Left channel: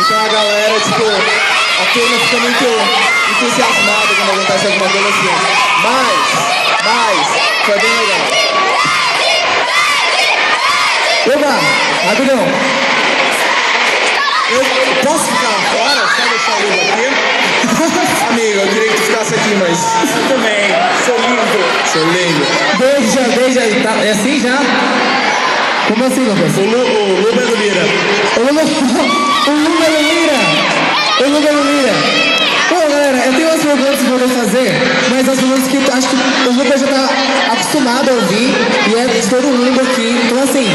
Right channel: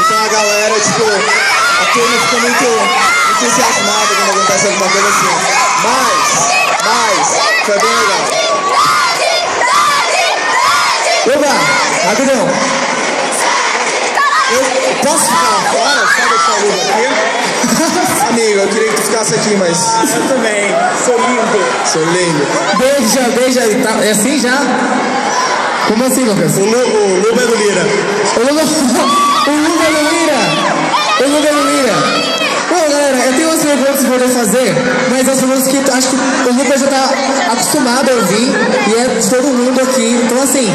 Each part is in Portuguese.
Então a galera, tipo, a turma fica muito entusiasmada quando acontece alguma coisa assim. Mas, foi bem legal. Oba, rapidão. Eu posso ficar fora? Só deixar o livro aqui? Amigo, eu queria que tu ficasse aqui, mas... Eu também, sou lindo. Sou lindo. Beija aí. Tá, é assim já? Como assim, Lucas? O Luba é do Lira. O Luba no Lira. Bom, galera, eu tenho umas perguntas pra poder fazer, mas as perguntas que acho que o Lucas já tá acostumado a ouvir e é de todo mundo aqui. Então, assim,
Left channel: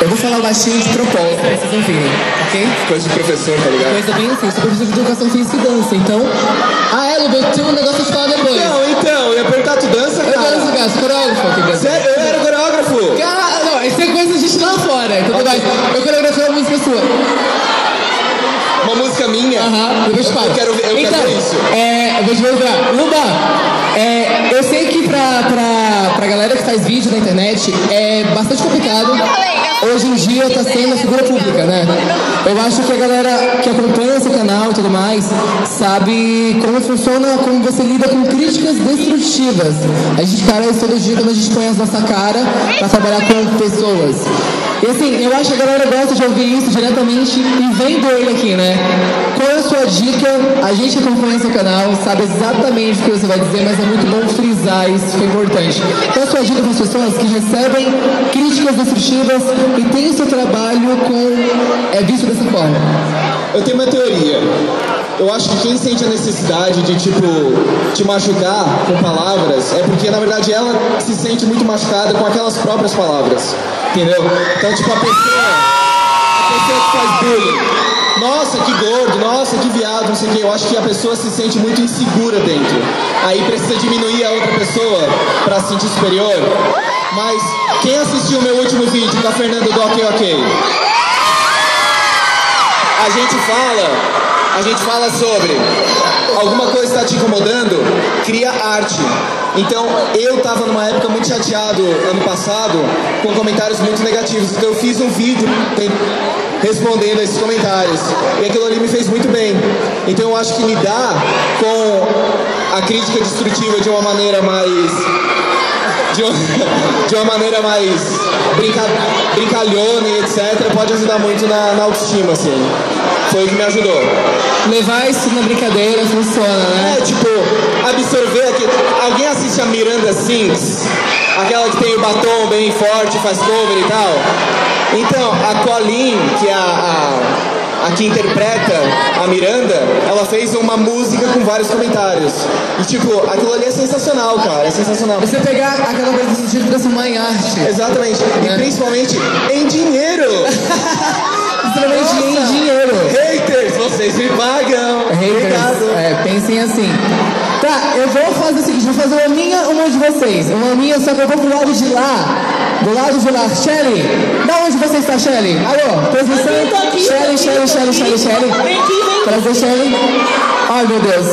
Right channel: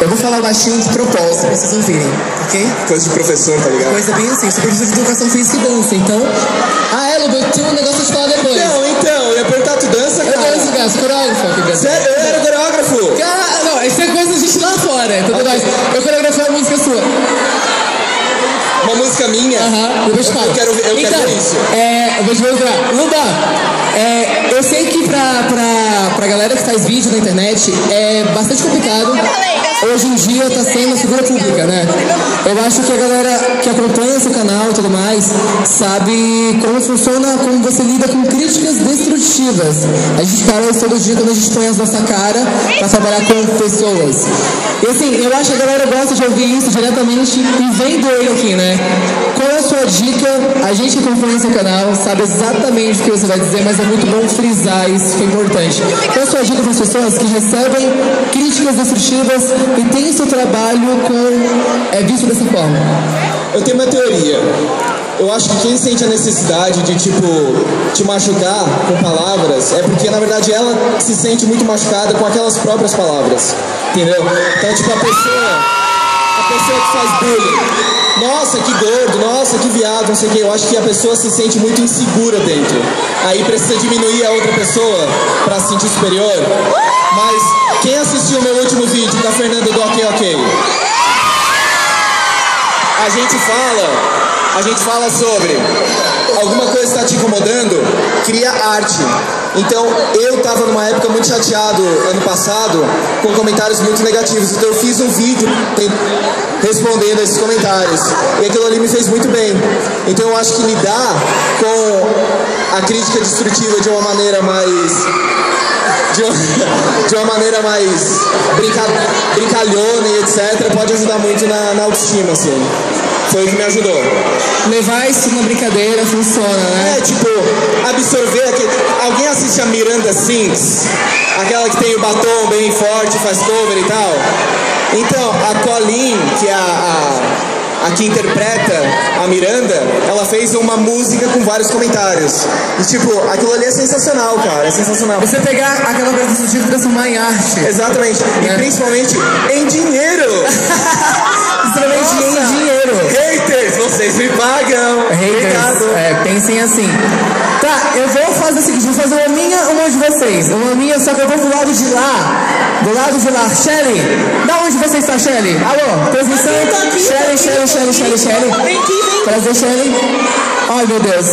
eu vou falar baixinho de propósito pra vocês ouvirem, ok? Coisa de professor, tá ligado? Coisa bem assim, super de educação física e dança. Então, Luba, eu tenho um negócio de falar depois. Então, eu ia perguntar, tu dança, cara? Eu quero jogar, sou coreógrafo aqui dentro. Sério? Eu era coreógrafo? Cara, não, isso é coisa de gente lá fora, entendeu? Mas eu coreografei uma música sua. Uma música minha? Depois fala. Eu quero ver isso. Eu vou te mostrar. Luba, eu sei que pra galera que faz vídeo na internet é bastante complicado. Hoje em dia tá sendo a figura pública, né? Eu acho que a galera que acompanha esse canal e tudo mais sabe como funciona, como você lida com críticas destrutivas. A gente fala isso todo dia quando a gente põe a nossa cara pra trabalhar com pessoas. E assim, eu acho que a galera gosta de ouvir isso diretamente e vendo ele aqui, né? Qual é a sua dica? A gente que acompanha esse canal sabe exatamente o que você vai dizer, mas é muito bom frisar isso, que é importante. Qual é a sua dica para as pessoas que recebem críticas destrutivas e têm seu trabalho visto dessa forma? Eu tenho uma teoria. Eu acho que quem sente a necessidade de, tipo, te machucar com palavras é porque, na verdade, ela se sente muito machucada com aquelas próprias palavras. Entendeu? Então, tipo, a pessoa que faz bullying, nossa, que gordo, nossa, que viado, não sei o que, eu acho que a pessoa se sente muito insegura dentro. Aí precisa diminuir a outra pessoa pra se sentir superior. Mas quem assistiu o meu último vídeo da Fernanda do Ok Ok? A gente fala sobre alguma coisa está te incomodando, cria arte. Então eu tava numa época muito chateado ano passado com comentários muito negativos, então eu fiz um vídeo respondendo a esses comentários e aquilo ali me fez muito bem. Então eu acho que lidar com a crítica destrutiva de uma maneira mais brincalhona e etc, pode ajudar muito na autoestima, assim. Foi o que me ajudou. Levar isso na brincadeira funciona, né? Tipo, absorver aqui. Alguém assiste a Miranda Sings? Aquela que tem o batom bem forte, faz cover e tal? Então, a Colleen, que é a que interpreta a Miranda, ela fez uma música com vários comentários. E tipo, aquilo ali é sensacional, cara. É sensacional. Você pegar aquela coisa do tipo e transformar em arte. Exatamente. E principalmente em dinheiro. Principalmente em dinheiro. Haters, vocês me pagam. Haters, pensem assim. Tá, eu vou fazer o seguinte, vou fazer uma minha, uma de vocês. Uma minha, só que eu vou pro lado de lá. Do lado de lá. Shelly, da onde você está, Shelly? Alô, posição? Shelly. Prazer, Shelly. Ai, meu Deus.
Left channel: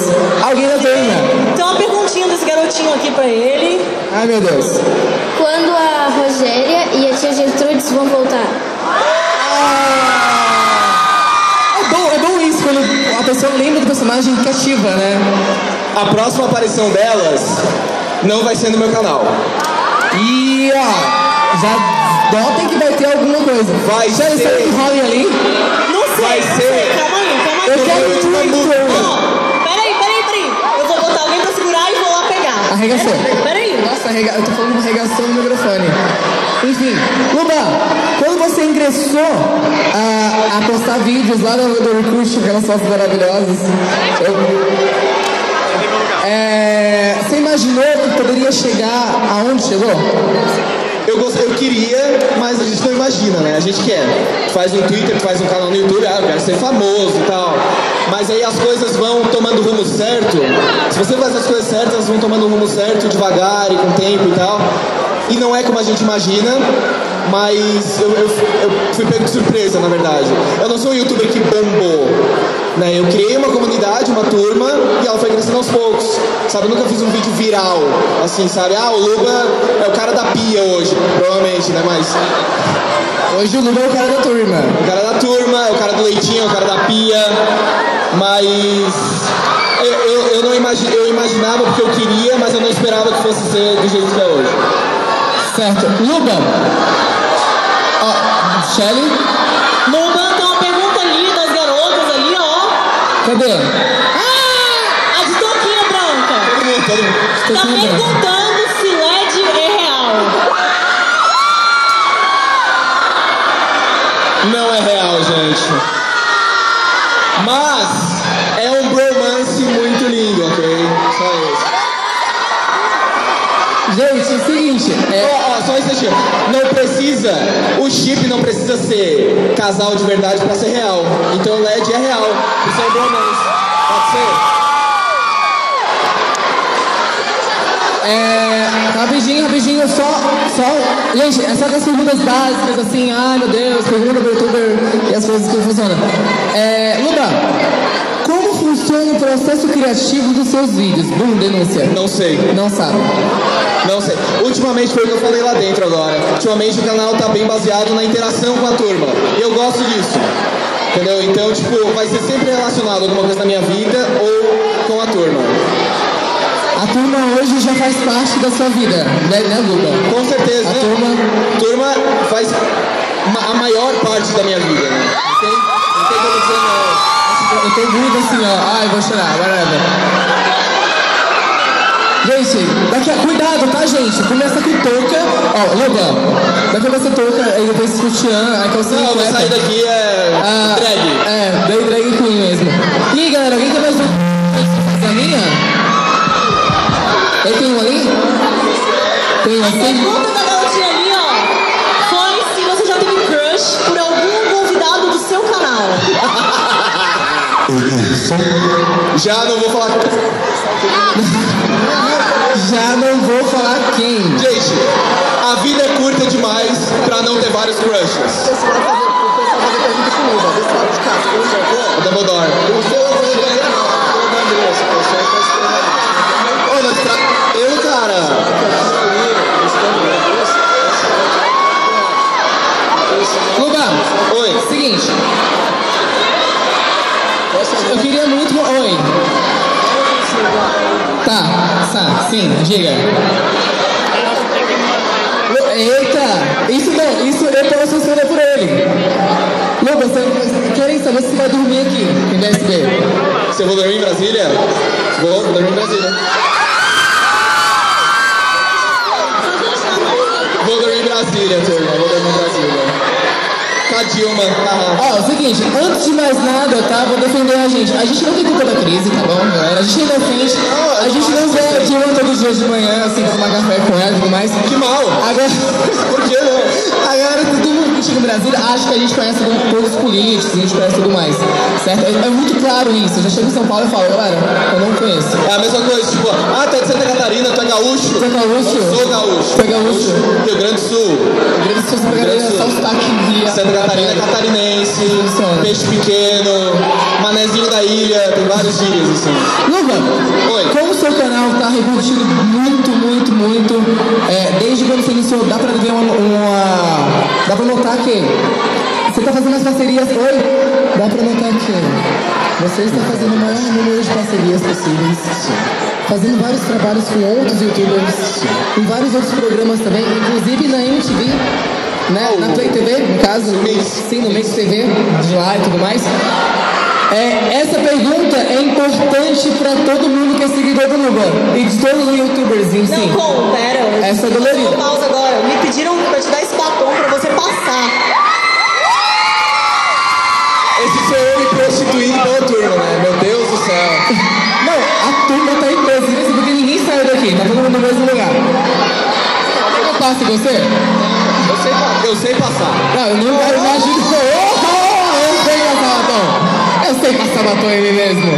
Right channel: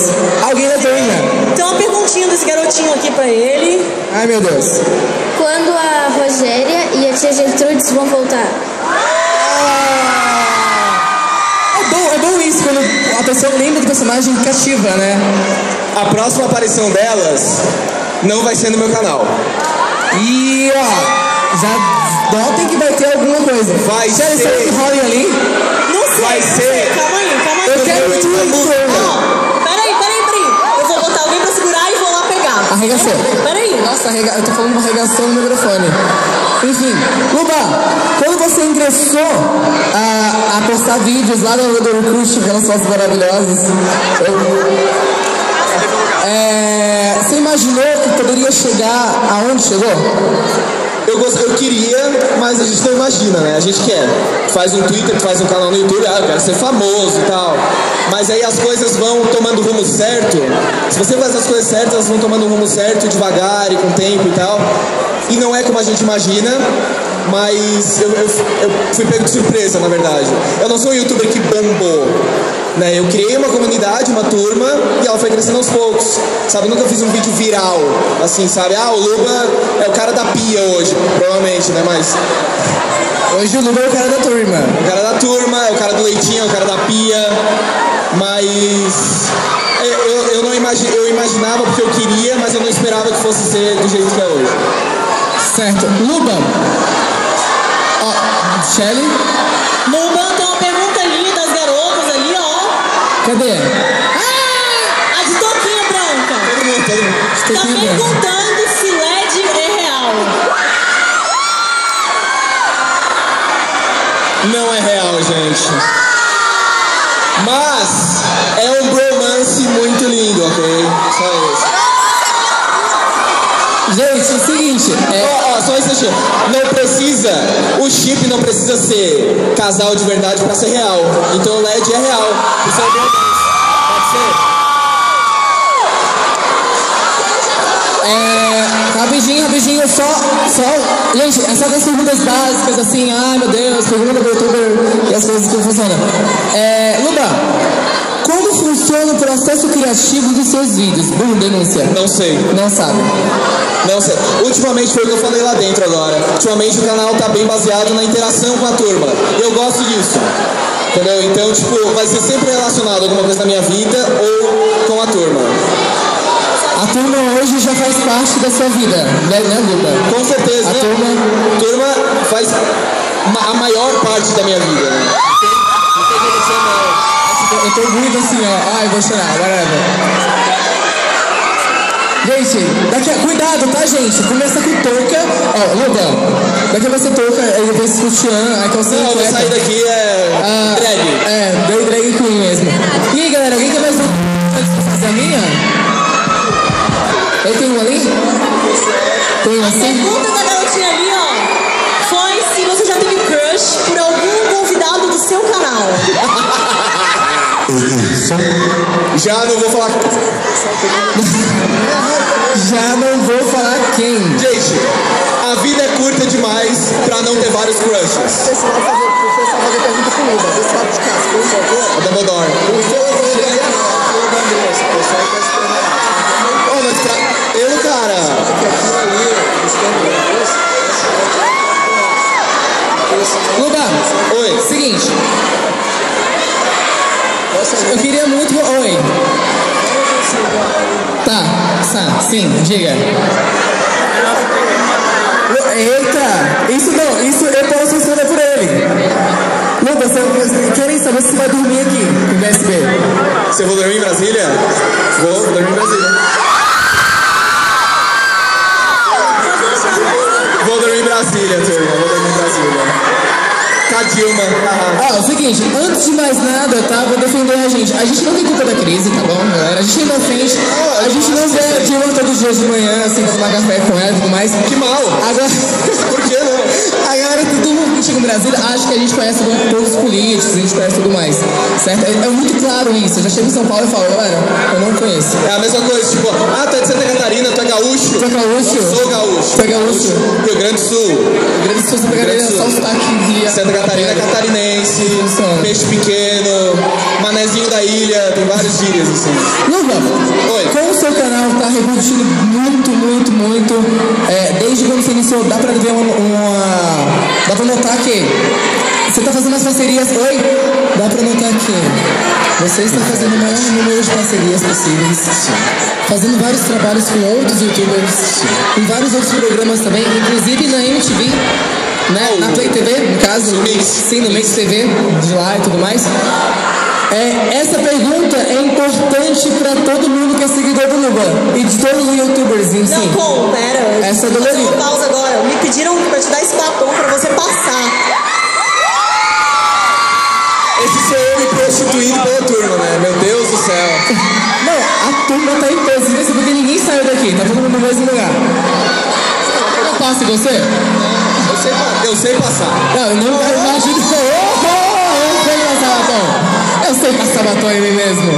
Alguém da turma. Tem uma perguntinha desse garotinho aqui pra ele. Ai, meu Deus. Quando a Rogéria e a tia Gertrudes vão voltar? É bom isso, quando a pessoa lembra do personagem cativa, né? A próxima aparição delas não vai ser no meu canal. E já notem que vai ter alguma coisa. Vai ser. Sai do Harry ali. Não sei. Vai ser. Calma aí. Eu quero muito. Peraí. Eu vou botar alguém pra segurar e vou lá pegar. Arregaçou. Peraí. Nossa, eu tô falando uma arregação no microfone. Enfim, Luba, quando você ingressou a postar vídeos lá no Orkut, aquelas fotos maravilhosas, você imaginou que poderia chegar aonde chegou? Eu queria, mas a gente não imagina, né? A gente quer. Faz um Twitter, faz um canal no YouTube, eu quero ser famoso e tal. Mas aí as coisas vão tomando o rumo certo. Se você faz as coisas certas, elas vão tomando o rumo certo, devagar e com tempo e tal. E não é como a gente imagina, mas eu fui pego de surpresa, na verdade. Eu não sou um youtuber que bombou, né? Eu criei uma comunidade, uma turma, e ela foi crescendo aos poucos, sabe? Eu nunca fiz um vídeo viral, assim, sabe? O Luba é o cara da pia hoje, provavelmente, né? Mas hoje o Luba é o cara da turma. É o cara da turma, é o cara do leitinho, é o cara da pia. eu imaginava porque eu queria, mas eu não esperava que fosse ser do jeito que é hoje. Certo. Luba. Shelly. Luba, tem uma pergunta ali das garotas ali, ó. Cadê? A de touquinha branca. Todo mundo. Tá perguntando se LED é real. Não é real, gente. Mas é um bromance muito lindo, ok? Só isso. Gente, é o seguinte. Só isso aqui. Não precisa, o chip não precisa ser casal de verdade pra ser real. Então o LED é real. Isso é um bromance. Pode ser? Rapidinho, só. Gente, é só das perguntas básicas, assim, ai meu Deus, pergunta do youtuber e as coisas que funcionam. Luba, como funciona o processo criativo dos seus vídeos? Bom, denúncia. Não sei. Não sabe. Não sei. Ultimamente foi o que eu falei lá dentro agora. Ultimamente o canal tá bem baseado na interação com a turma. E eu gosto disso. Entendeu? Então, tipo, vai ser sempre relacionado a alguma coisa da minha vida ou com a turma. A turma hoje já faz parte da sua vida, né, Luba? Com certeza. A turma faz a maior parte da minha vida, né? Não tem como dizer não. Eu tô muito assim, ó. Ai, vou chorar, whatever. Gente, cuidado, tá, gente? Começa com touca. Ó, Luba, daqui vai ser touca, aí depois sutiã, a calcinha. Não, eu vou sair daqui drag. Deu drag queen mesmo. E aí, galera, alguém quer mais fazer a minha? Eu tenho uma ali? Tem uma A assim? pergunta da garotinha ali, ó, foi se você já teve crush por algum convidado do seu canal. Já não vou falar. Já não vou falar quem. Gente, a vida é curta demais pra não ter vários crushes. O Dumbledore. Ele, cara. Luba, Oi. Seguinte. Eu queria muito. Oi. Tá, sim, diga. Eita, isso eu posso responder por ele. Luba, você querem saber se você vai dormir aqui no BSB? Você vai dormir em Brasília? Vou dormir em Brasília. Vou dormir em Brasília, turma. Vou dormir em Brasília. Com a Dilma. Ó, o seguinte, antes de mais nada, tá? Vou defender a gente. A gente não tem culpa da crise, tá bom, galera? A gente não defende. A gente não vê a Dilma todos os dias de manhã, assim, pra tomar café com ela e tudo mais. Que mal. Agora, Por que não? agora todo mundo que chega no Brasil acha que a gente conhece todos os políticos, a gente conhece tudo mais, certo? É muito claro isso. Eu já chego em São Paulo e falo, galera, eu não conheço. É a mesma coisa, tipo, tu é de Santa Catarina, tu é gaúcho. Tu é gaúcho? Eu sou gaúcho. Tu é gaúcho? Rio Grande do Sul. Rio Grande do Sul, você pegaria só o sotaque via. Santa Catarina, catarinense, peixe pequeno, manezinho da ilha, tem vários gírias assim. Luba, Oi. como o seu canal tá repercutindo muito, desde quando você iniciou, dá pra ver dá pra notar que você tá fazendo as parcerias, dá pra notar que você está fazendo o maior número de parcerias possíveis, fazendo vários trabalhos com outros youtubers, em vários outros programas também, inclusive na MTV, né? Na Play TV, no caso, sim, no Mix TV, de lá e tudo mais. Essa pergunta é importante pra todo mundo que é seguidor do Luba e de todos os youtubers em si. Não, pera. Essa é do Vou dar Luba. uma pausa agora. Me pediram pra eu te dar esse batom pra você passar. Esse sou eu me prostituindo pela turma, né? Meu Deus do céu. Não, a turma tá em peso, porque ninguém saiu daqui, tá todo mundo no mesmo lugar. Eu passo você? Eu sei passar. Não, eu não imagino que eu sei passar batom. Eu sei passar batom em mim mesmo.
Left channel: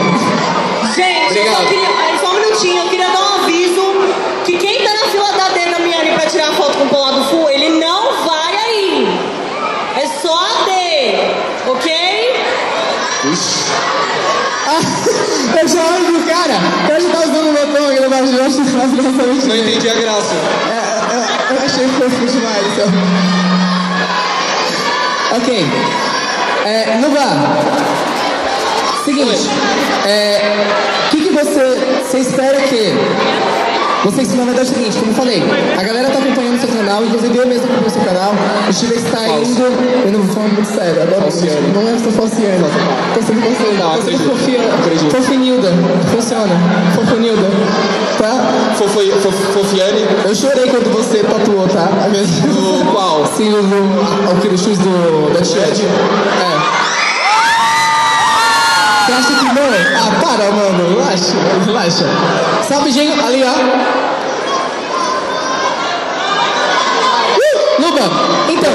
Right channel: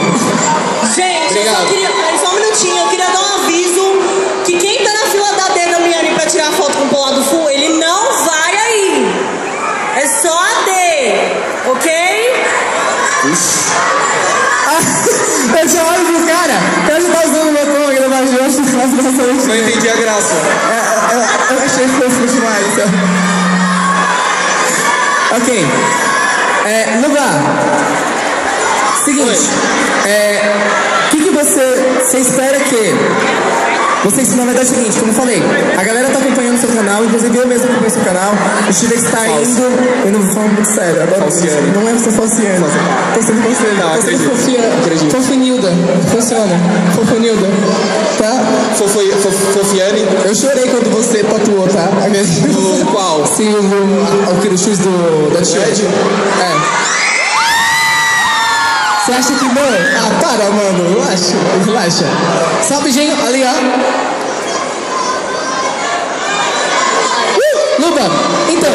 Gente, eu só queria... Pera só um minutinho. Eu queria dar um aviso que quem tá na fila da Dana Miani pra tirar foto com o Polado Full, ele não vai aí. É só a D, ok? Eu já olho pro cara, ele tá usando o batom aqui no baixo, eu acho que faz bastante. Não entendi a graça. Eu achei fofo demais. Ok. Luba, seguinte, o que você você espera que... Vocês, na verdade, é o seguinte, como eu falei, a galera tá acompanhando o seu canal, inclusive eu mesmo acompanho o seu canal, o Chile está indo... Eu não vou falar muito sério, adoro Falciane. Não é ser falciano, tô sendo falciano, tô sendo acredito. fofinilda, funciona, fofinilda, tá? Fofiane? Eu chorei quando você tatuou, tá? O qual? Sim, o X da Tied. É. Você acha que não? Ah, para, mano. Relaxa. Salve, gente. Ali, ó. Luba, então,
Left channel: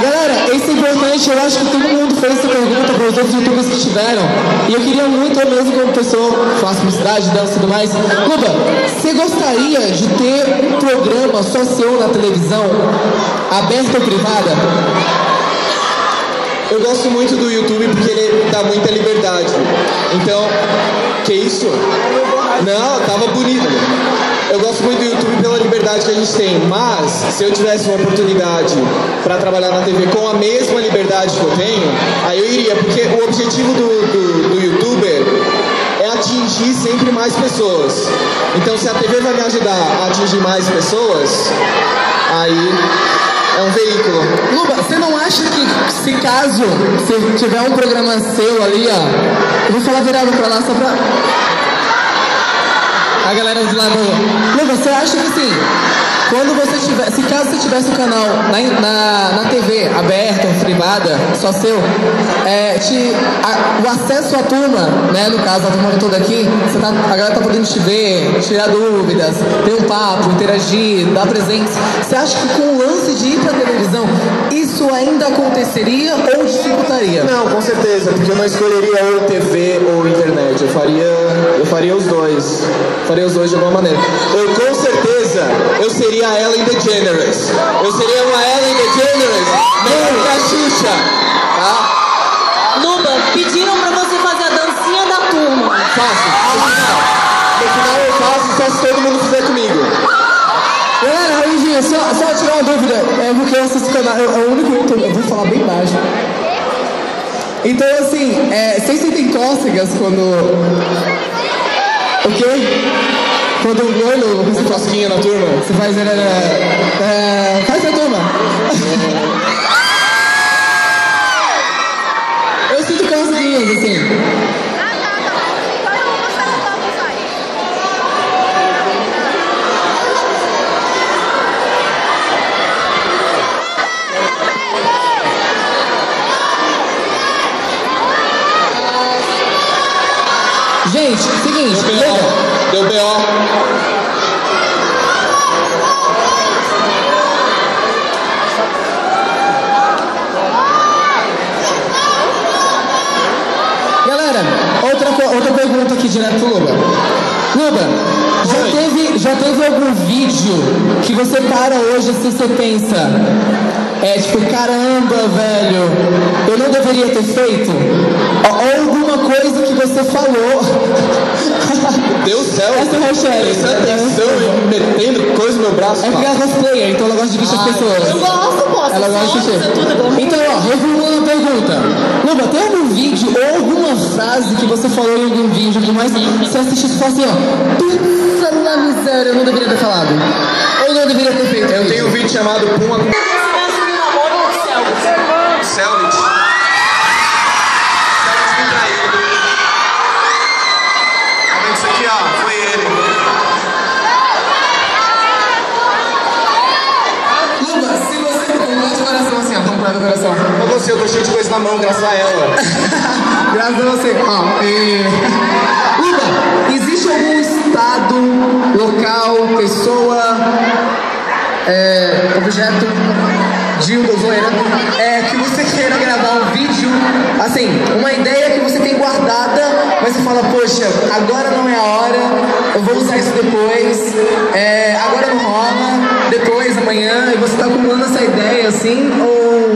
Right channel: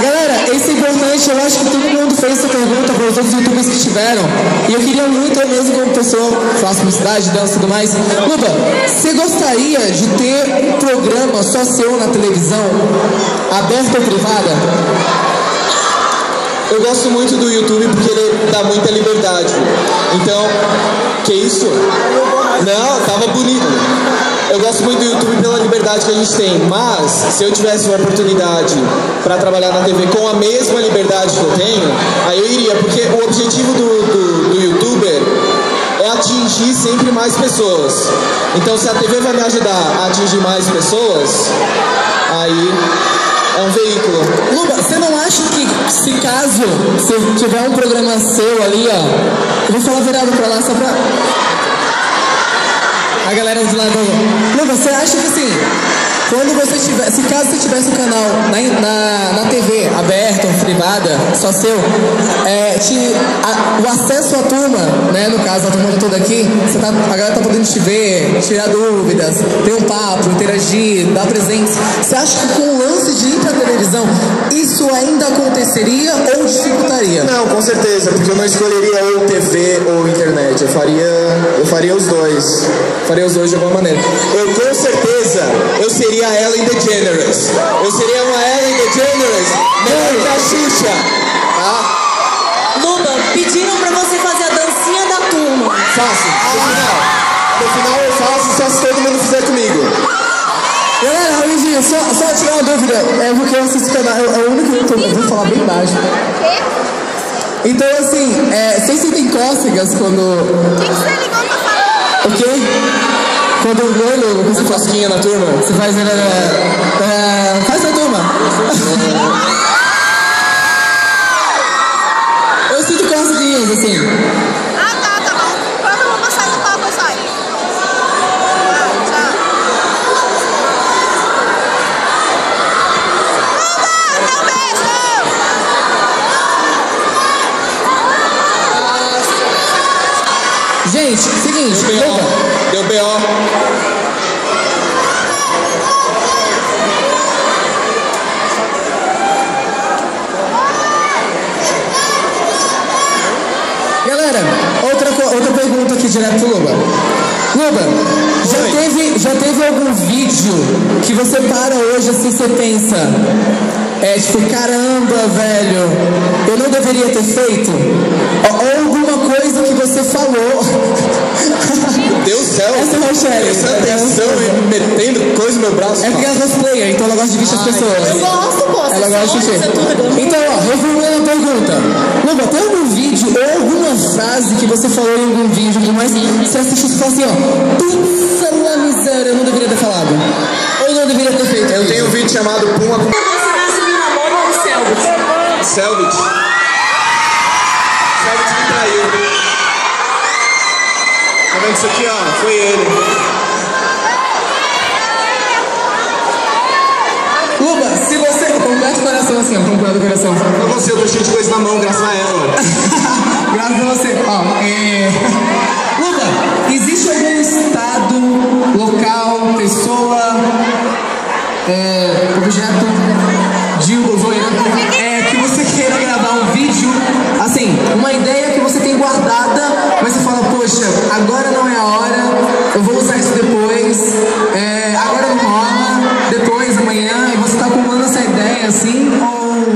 galera, esse é importante. Eu acho que todo mundo fez essa pergunta para os outros youtubers que tiveram. E eu queria muito, eu mesmo como pessoa, faço publicidade, dança e tudo mais. Luba, você gostaria de ter um programa só seu na televisão, aberta ou privada? Eu gosto muito do YouTube porque ele dá muita liberdade. Então, que isso? Não, tava bonito. Eu gosto muito do YouTube pela liberdade que a gente tem, mas se eu tivesse uma oportunidade para trabalhar na TV com a mesma liberdade que eu tenho, aí eu iria, porque o objetivo do YouTuber é atingir sempre mais pessoas. Então, se a TV vai me ajudar a atingir mais pessoas, aí... é um veículo. Luba, você não acha que se caso você tiver um programa seu ali, ó, eu vou falar virado pra lá só pra... A galera de lá do... Luba, você acha que assim, quando você tiver... Se caso você tivesse um canal na TV aberta ou privada, só seu, o acesso à turma, né, no caso a turma toda aqui, a galera tá podendo te ver, tirar dúvidas, ter um papo, interagir, dar presentes. Você acha que com o lance de ir pra televisão, isso ainda aconteceria ou dificultaria? Não, com certeza, porque eu não escolheria ou TV ou internet. Eu faria os dois. Faria os dois de alguma maneira. Com certeza, eu seria a Ellen DeGeneres. Eu seria uma Ellen DeGeneres melhor que a Xuxa. Tá? Luba, pediram pra você fazer a dancinha da turma. Faço. No final eu faço, só se todo mundo fizer comigo. Galera, Raulzinho, só tirar uma dúvida, porque eu assisto o canal, é o único YouTube, eu vou falar bem baixo. Então, assim, vocês sentem cócegas quando... O quê? Quando o olho... Você cosquinha na turma? Você faz... faz na turma. Eu sinto coceguinhas, assim. Gente, seguinte, Deu B.O. Galera, outra pergunta aqui direto pro Luba. Luba, já teve algum vídeo que você para hoje assim, você pensa, tipo, caramba, velho, eu não deveria ter feito? Ou alguma coisa que você falou... Deus do céu! Essa é a Rochelle. Essa atenção e metendo coisa no meu braço. É porque ela é cosplayer, então ela gosta de vestir as pessoas. Eu gosto, pô. Ela gosta de vestir. Então, ó, reformulando a pergunta. Luba, tem algum vídeo ou alguma frase que você falou em algum vídeo que mais você assistiu e fala assim, ó, pizza na miséria, eu não deveria ter falado. Ou não deveria ter feito. Eu tenho um vídeo chamado Puma com... Selvit. Selvit me traiu. Tá vendo isso aqui, ó? Foi ele. Luba, se você... Completa o coração assim, ó. Completa o coração. Eu não sei, eu tô cheio de coisa na mão, graças a ela. Graças a você. Ó, Luba, existe algum estado, local, pessoa, objeto, dildo, zoeira, que você queira gravar um vídeo, assim, uma ideia que você tem guardada, mas você fala, poxa, agora não é a hora, eu vou usar isso depois, agora não rola, depois, amanhã, e você tá acumulando essa ideia, assim, ou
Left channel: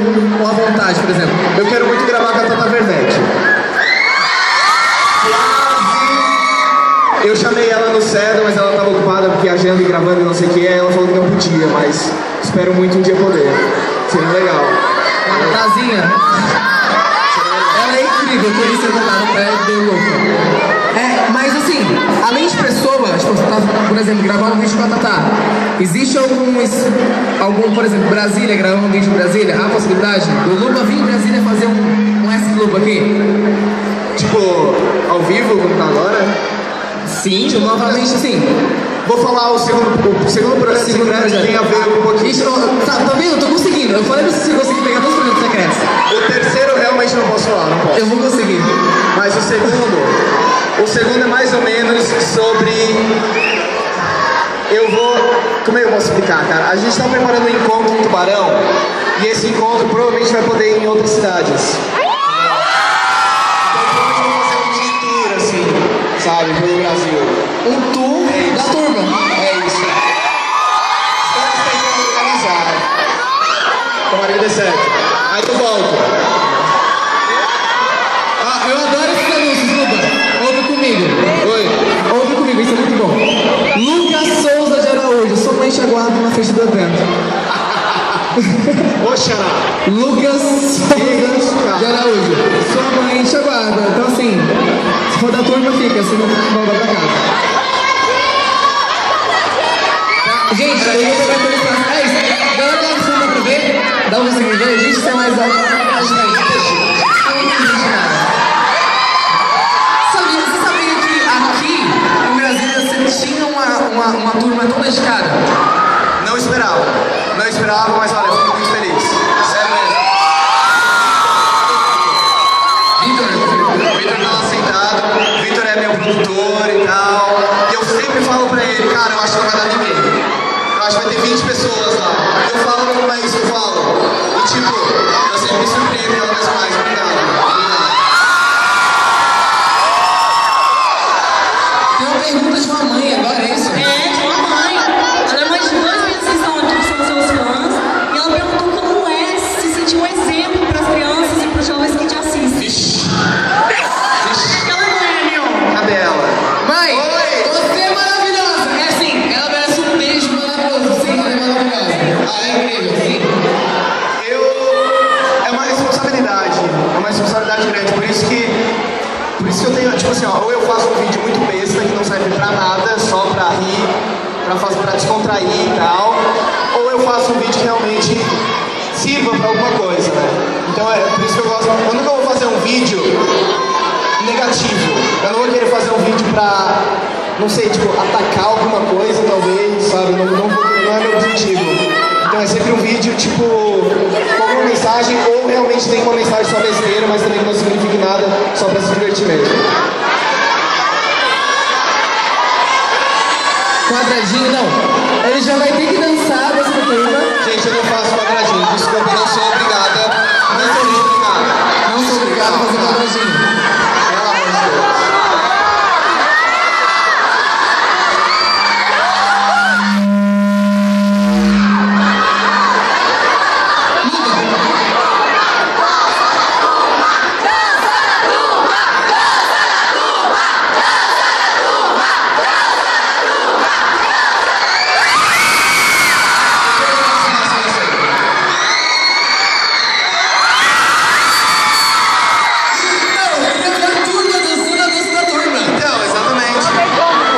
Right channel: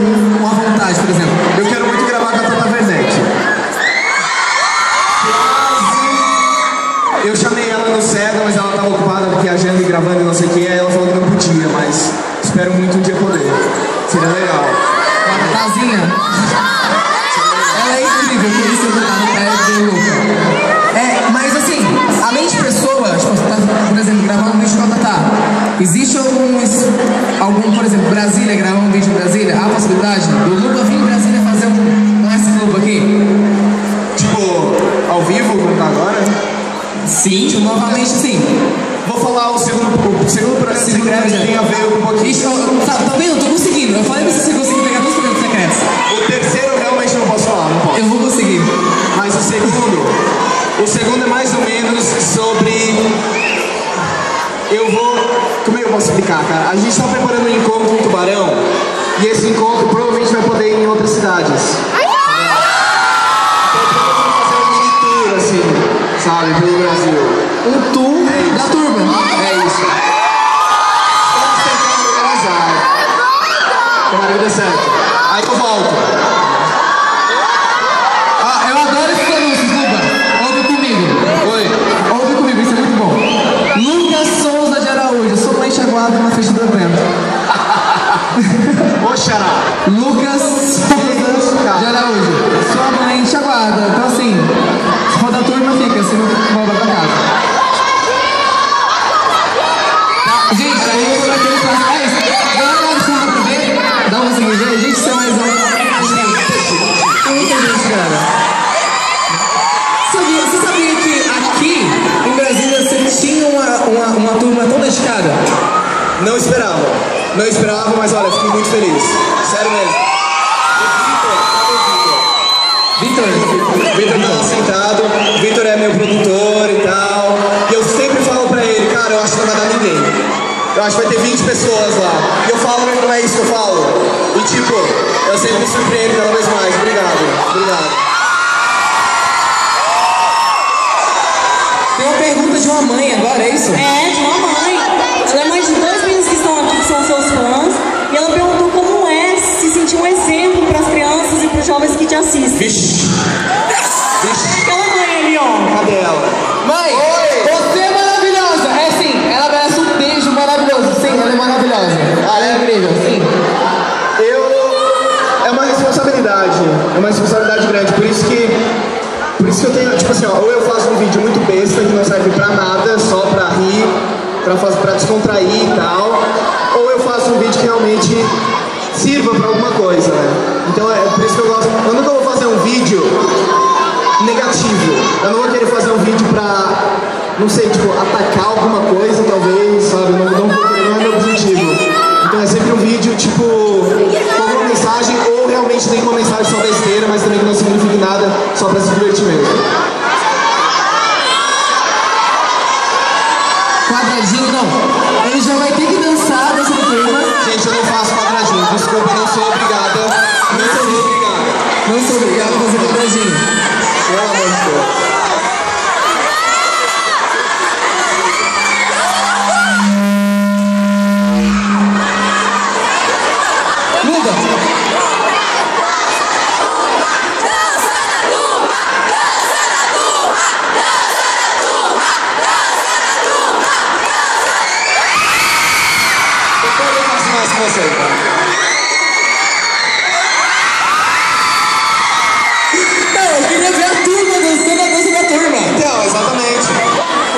à vontade, por exemplo? Eu quero muito gravar com a Tata Werneck. Eu chamei ela no céu, mas ela estava ocupada viajando e gravando e não sei o que, ela falou que não podia, mas espero muito um dia poder. Seria legal. Tazinha. Ela é incrível, por isso eu é bem louca. Mas Mas assim, além de pessoa, tipo, por exemplo, gravar um vídeo com a Tatá, existe algum, por exemplo, Brasília, gravar um vídeo em Brasília, há a possibilidade do Luba vir em Brasília fazer um Ice Club aqui? Tipo, ao vivo, como agora? Sim, tipo, novamente sim. Vou falar o segundo projeto secreto que tem a ver com um pouquinho. Isso, tá vendo? Eu tô conseguindo. Eu falei pra você se conseguir pegar todos os projetos secretos. O terceiro eu realmente não posso falar, não posso. Eu vou conseguir. Mas o segundo é mais ou menos sobre... Como é que eu vou explicar, cara? A gente está preparando um encontro em Tubarão e esse encontro provavelmente vai poder ir em outras cidades. Então vamos fazer um mini tour, assim, sabe, pelo Brasil. Um tour da turma. É isso. Estamos tentando organizar. Tomara que dê certo. Aí eu volto. Ah, eu adoro esses anúncios, Luba. Ouve comigo. Oi. Ouve comigo, isso é muito bom. Lucas Souza de Araújo, sua mãe enxaguada na frente do evento. Ô, Xará. Lucas Souza de Araújo, sua mãe enxaguada. Então assim, se for da turma, fica, se não for da casa. Gente, eu vou prometer no próximo. É isso. Ganhou uma opção da TV, dá um seguidinho, a gente tem mais alto. Tem muita gente, cara. Você sabia que aqui em Brasília você tinha uma turma tão dedicada? Não esperava, mas olha, fiquei muito feliz. Sério mesmo. Vitor tá lá sentado, o Vitor é meu produtor e tal. E eu sempre falo pra ele, cara, eu acho que não vai dar ninguém. Eu acho que vai ter 20 pessoas lá. E eu falo, mas não é isso que eu falo. E tipo, eu sempre me surpreendo cada vez mais. Obrigado. Tem uma pergunta de uma mãe agora, é isso? É, de uma mãe. Ela é mãe de dois meninos que estão aqui, que são seus fãs. E ela perguntou como é se sentir um exemplo para as crianças e para os jovens que te assistem. Vixe. Aquela mãe ali, ó. Cadê ela? Mãe, você é maravilhosa! É sim, ela merece um beijo maravilhoso. Sim, ela é maravilhosa. Ah, é? incrível, sim. É uma responsabilidade grande, por isso que eu tenho, tipo assim, ó, ou eu faço um vídeo muito besta que não serve pra nada, só pra rir, pra descontrair e tal, ou eu faço um vídeo que realmente sirva pra alguma coisa, né? Então é por isso que eu gosto, eu nunca vou fazer um vídeo negativo, eu não vou querer fazer um vídeo pra, não sei, tipo, atacar alguma coisa, talvez, sabe, não é meu objetivo. Então é sempre um vídeo, tipo, com alguma mensagem, ou realmente tem uma mensagem só besteira, mas também que não signifique nada, só pra se divertir mesmo. Quadradinho, não. Ele já vai ter que dançar nessa turma. Gente, eu não faço quadradinho, desculpa, não sou obrigada. Não sou obrigada. Não sou obrigado a fazer quadradinho. Pelo amor de Deus.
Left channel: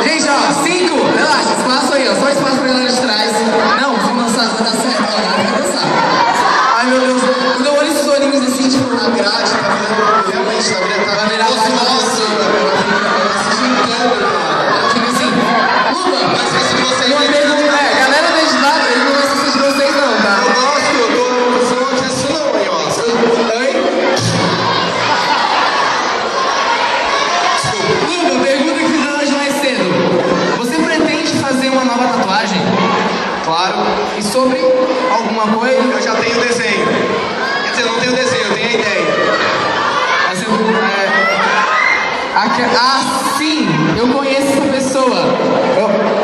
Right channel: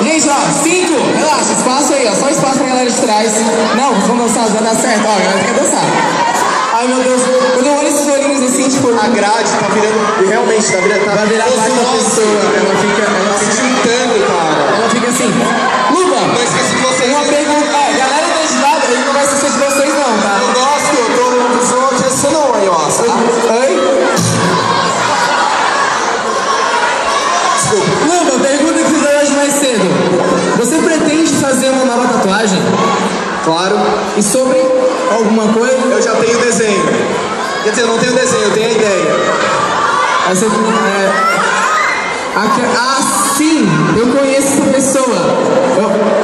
Gente, ó, 5, relaxa, espaço aí, ó, só espaço pra galera de trás. Não, vamos dançar, vai dar certo, ó, vai ter que dançar. Ai meu Deus, quando eu olho esses olhinhos assim, tipo, A grade tá virando, realmente, tá virando osmose, fica se juntando, cara. fica assim, Luba, Mas se você eu pergunto, galera da esnada, eu não gosto dessas vocês não, tá? eu gosto, eu sou uma pessoa, eu acho. Oi? Desculpa. Luba, pergunta que fiz hoje mais cedo. Você pretende fazer uma nova tatuagem? Claro, E sobre alguma coisa? eu já tenho o desenho. Quer dizer, não tenho o desenho, eu tenho a ideia. Essa sim, eu conheço essa pessoa.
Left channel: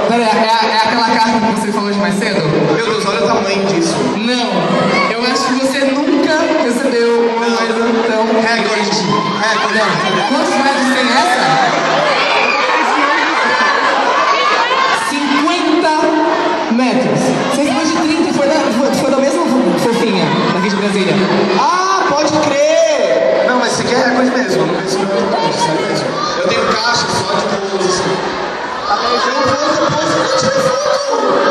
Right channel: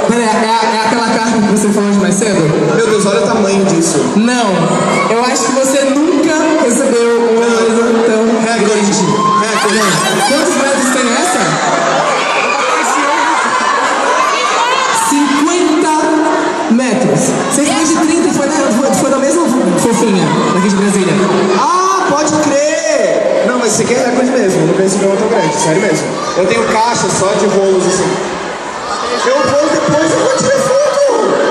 Pera aí, é aquela carta que você falou hoje mais cedo? Meu Deus, olha o tamanho disso. Não, eu acho que você nunca recebeu uma coisa tão grande. Quantos metros tem essa? 50 metros. Você falou de 30, foi da mesma fofinha daqui de Brasília. Ah, pode crer! Não, mas isso aqui é coisa mesmo, eu não penso que é muito grande, sério mesmo. Eu tenho caixa só de rolos Eu vou depois e vou tirar foto.